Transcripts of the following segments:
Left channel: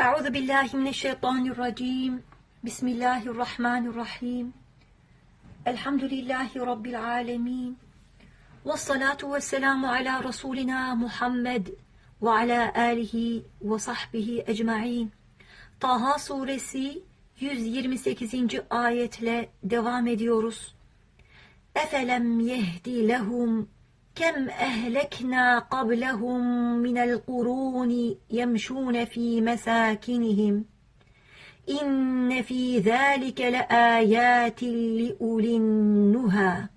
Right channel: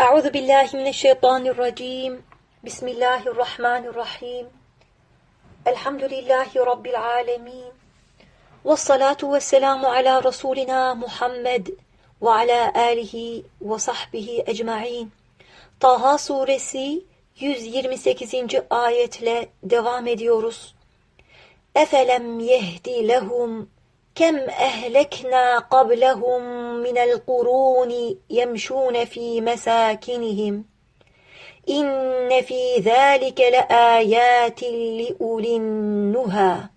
Euzu billahi mineşşeytanirracim. Bismillahirrahmanirrahim. Elhamdülillahi rabbil alamin. Ves salatu vesselamu ala rasulina Muhammed ve ala alihi ve sahbihi ecmaîn. Taha suresi 128. ayetle devam ediyoruz. Efelem yehdi lehum qablahum minel kuruni yemşûne fî mesâkinihim. İnne fî zâlike le âyâtin li ulin nuha.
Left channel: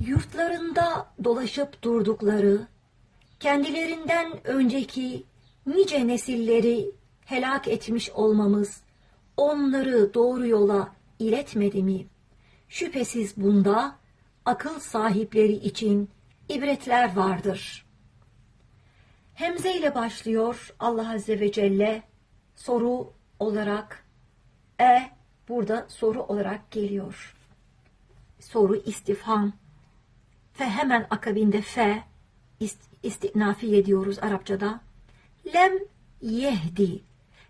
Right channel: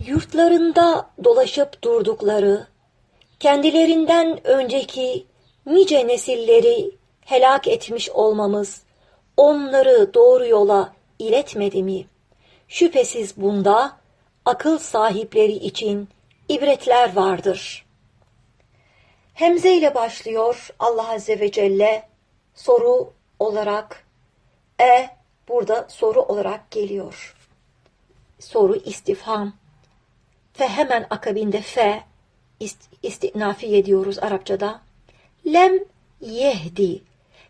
Yurtlarında dolaşıp durdukları, kendilerinden önceki nice nesilleri helak etmiş olmamız onları doğru yola iletmedi mi? Şüphesiz bunda akıl sahipleri için ibretler vardır. Hemze ile başlıyor Allah Azze ve Celle soru olarak e burada soru olarak geliyor. Soru istifham ve hemen akabinde fe ist, istinafi ediyoruz Arapçada. Lem yehdi.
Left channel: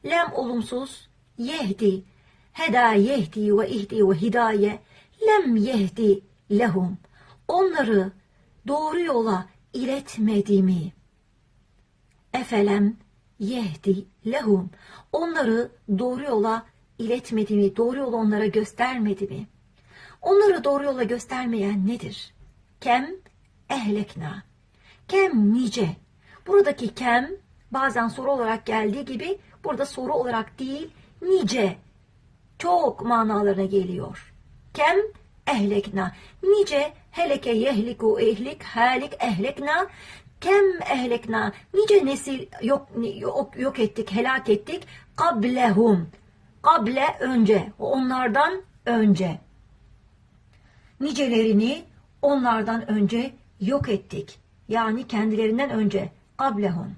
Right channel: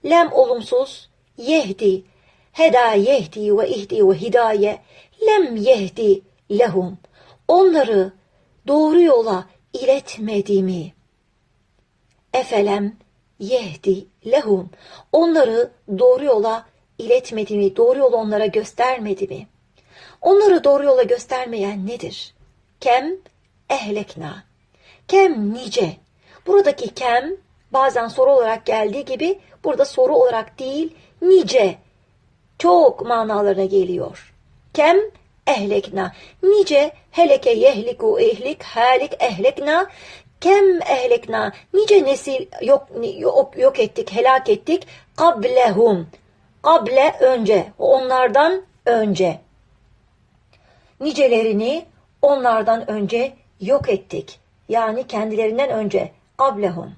Lem olumsuz, yehdi. Heda yehdi ve ihdi ve hidaye. Lem yehdi lehum. Onları doğru yola iletmedi mi? Efelem yehdi lehum. Onları doğru yola iletmedi mi? Doğru yolu onlara göstermedi mi? Onları doğru yola göstermeyen nedir? Kem ehlekna. Kem nice. Buradaki kem bazen soru olarak geldiği gibi burada soru olarak değil nice çok manalarına geliyor. Kem ehlekna. Nice heleke yehliku ehlik halik ehlekna. Kem ehlekna. Nice nesil yok, yok, yok ettik, helak ettik. Kablehum. Kable önce. Onlardan önce. Nicelerini onlardan önce yok ettik. Yani kendilerinden önce. Kablehum.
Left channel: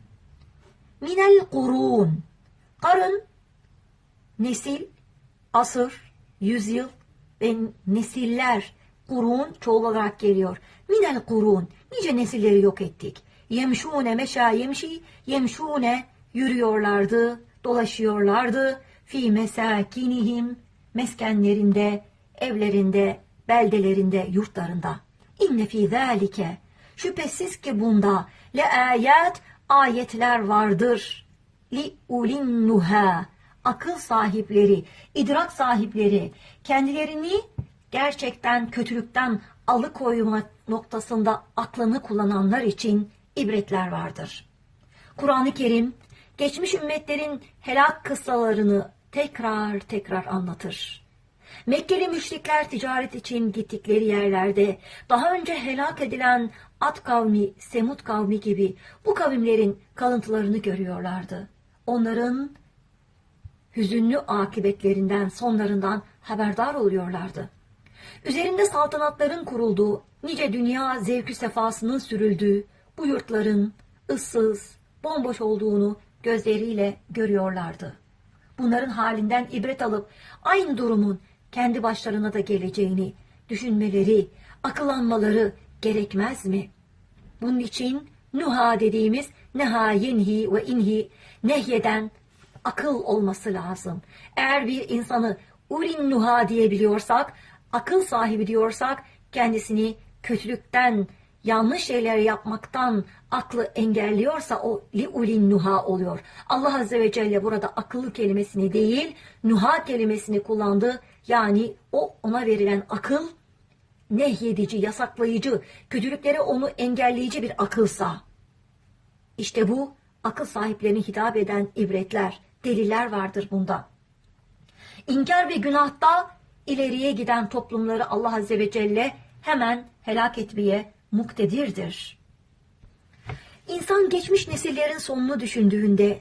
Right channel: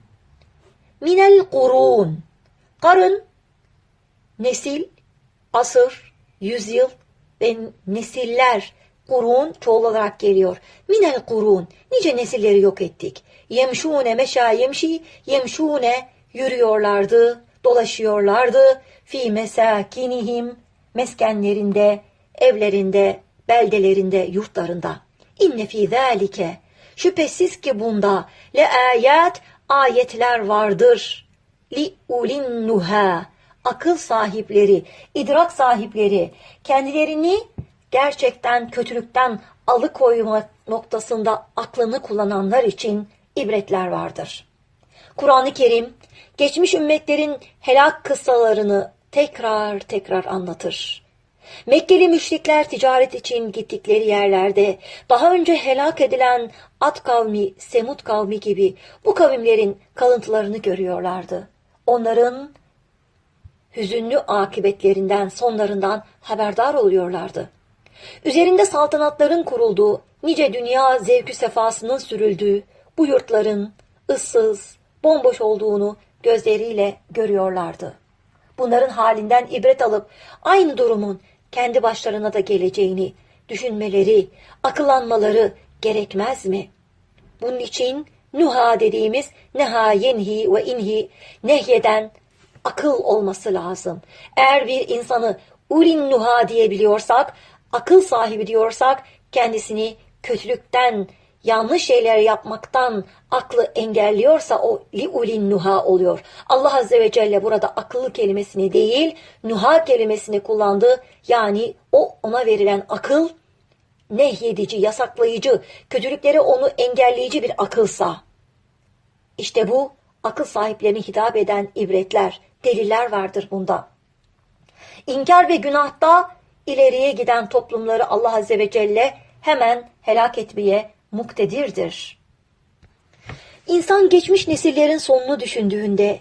Minel kurun. Karın, nesil, asır, yüzyıl ve nesiller kurun çoğul olarak geliyor. Minel kurun. Nice nesilleri yok ettik. Yemşune meşa yemşi. Yemşune yürüyorlardı, dolaşıyorlardı. Fi mesakinihim. Meskenlerinde, evlerinde, beldelerinde, yurtlarında. İnne fi zâlike. Şüphesiz ki bunda le ayet ayetler vardır. Li ulin nuha. Akıl sahipleri, idrak sahipleri kendilerini gerçekten kötülükten alıkoyma noktasında aklını kullananlar için ibretler vardır. Kur'an-ı Kerim geçmiş ümmetlerin helak kıssalarını tekrar tekrar anlatır. Mekkeli müşrikler ticaret için gittikleri yerlerde daha önce helak edilen At kavmi, Semut kavmi gibi bu kavimlerin kalıntılarını görüyorlardı. Onların hüzünlü akibetlerinden, sonlarından haberdar oluyorlardı. Üzerinde saltanatların kurulduğu, nice dünya zevkü sefasının sürüldüğü bu yurtların ıssız, bomboş olduğunu gözleriyle görüyorlardı. Bunların halinden ibret alıp aynı durumun kendi başlarına da geleceğini düşünmeleri, akıllanmaları gerekmez mi? Bunun için nuha dediğimiz neha yenhi ve inhi nehyeden akıl olması lazım. Eğer bir insanı urin nuha diyebiliyorsak, akıl sahibi diyorsak kendisini kötülükten, yanlış şeyler yapmaktan aklı engelliyorsa o li ulin nuha oluyor. Allah Azze ve Celle burada akıllı kelimesini değil, nuha kelimesini kullandı. Yani o ona verilen akıl nehyedici, yasaklayıcı, kötülükleri onu engelleyici bir akılsa. İşte bu akıl sahiplerine hitap eden ibretler, deliller vardır bunda. İnkar ve günahta ileriye giden toplumları Allah Azze ve Celle hemen helak etmeye muktedirdir. İnsan geçmiş nesillerin sonunu düşündüğünde,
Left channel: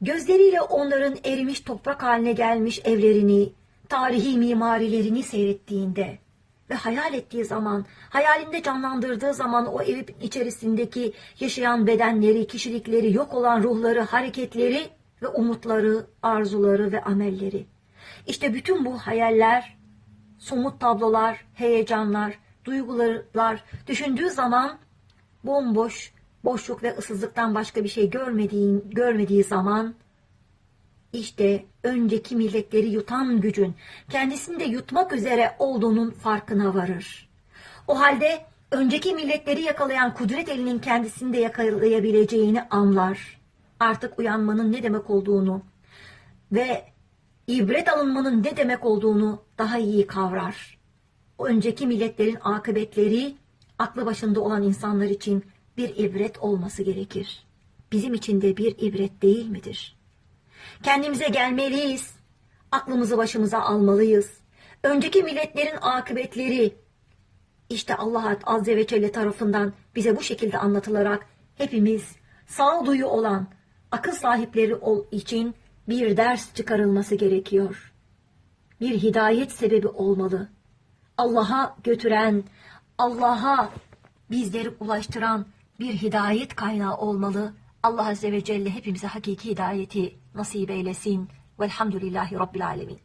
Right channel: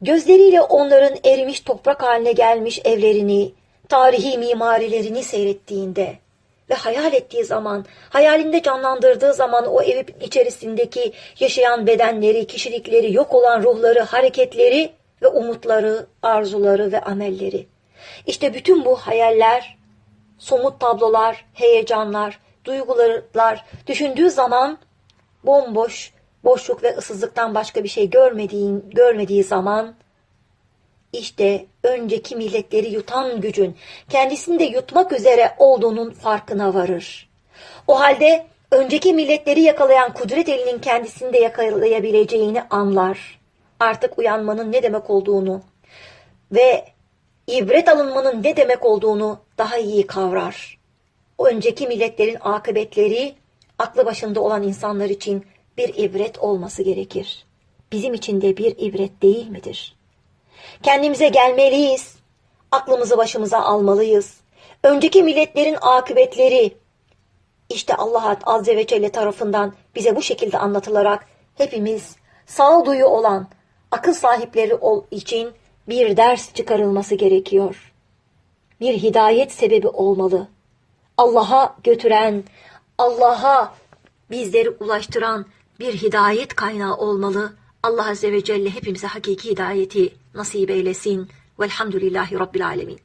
gözleriyle onların erimiş toprak haline gelmiş evlerini, tarihi mimarilerini seyrettiğinde ve hayal ettiği zaman, hayalinde canlandırdığı zaman o evin içerisindeki yaşayan bedenleri, kişilikleri, yok olan ruhları, hareketleri ve umutları, arzuları ve amelleri. İşte bütün bu hayaller, somut tablolar, heyecanlar, duygular düşündüğü zaman bomboş boşluk ve ıssızlıktan başka bir şey görmediğin, görmediği zaman işte önceki milletleri yutan gücün kendisini de yutmak üzere olduğunun farkına varır. O halde önceki milletleri yakalayan kudret elinin kendisini de yakalayabileceğini anlar. Artık uyanmanın ne demek olduğunu ve ibret alınmanın ne demek olduğunu daha iyi kavrar. Önceki milletlerin akıbetleri aklı başında olan insanlar için bir ibret olması gerekir. Bizim için de bir ibret değil midir? Kendimize gelmeliyiz. Aklımızı başımıza almalıyız. Önceki milletlerin akıbetleri işte Allah Azze ve Celle tarafından bize bu şekilde anlatılarak hepimiz sağduyu olan akıl sahipleri ol için bir ders çıkarılması gerekiyor. Bir hidayet sebebi olmalı. Allah'a götüren, Allah'a bizleri ulaştıran bir hidayet kaynağı olmalı. Allah Azze ve Celle hepimize hakiki hidayeti nasip eylesin. Velhamdülillahi Rabbil Alemin.